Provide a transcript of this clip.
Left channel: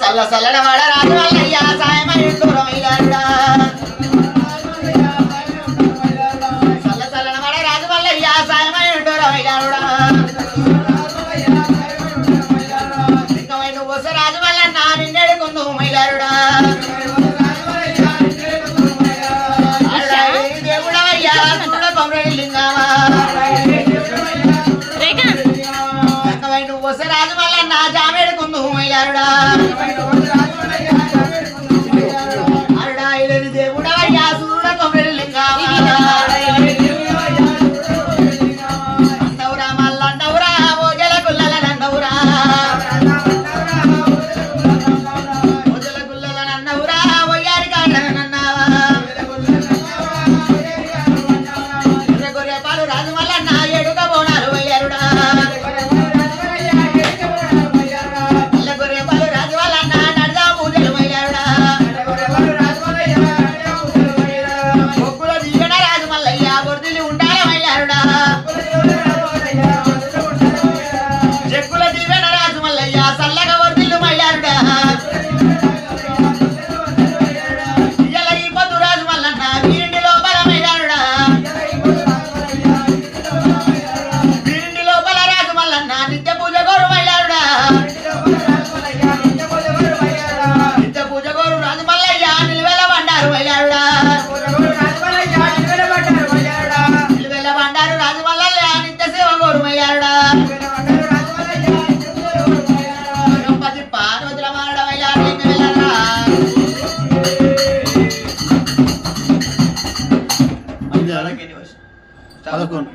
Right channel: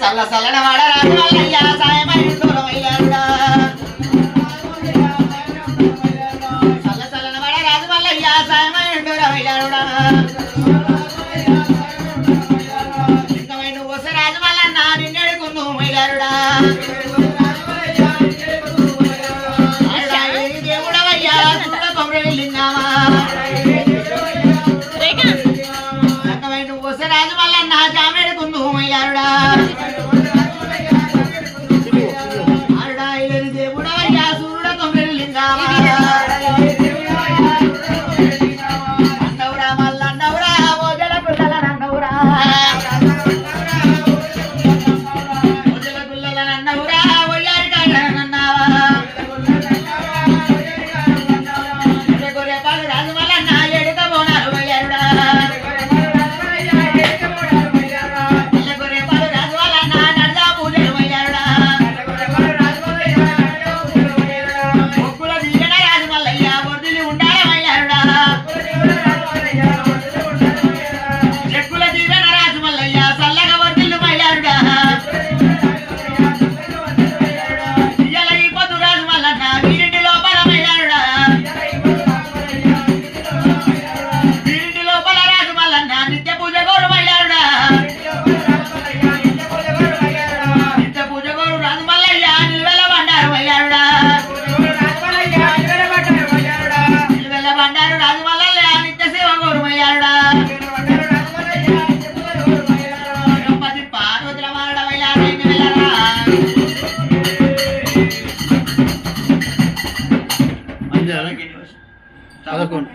సల్ల సల్లన వాడ రాజు వల్లయ్య సాయమైన దూరమయ్యారుడా సల్ల సల్లన వాడ రాజు వల్లయ్య సాయమైన దూరమయ్యారుడా ఇంకమై నువ్వు వస్తే రాజు వల్ల నా నిన్నెడుకును మైలారుడా దేవుడవయ్యా చూడ కొమరెడ్డి లింగామా ఇంకమై నువ్వు వస్తే రాజు వల్ల నా జామెడుకుందు మైలారుడా దేవుడవయ్యా సూర్యుడ కొమరెడ్డి లింగామా పదకొండు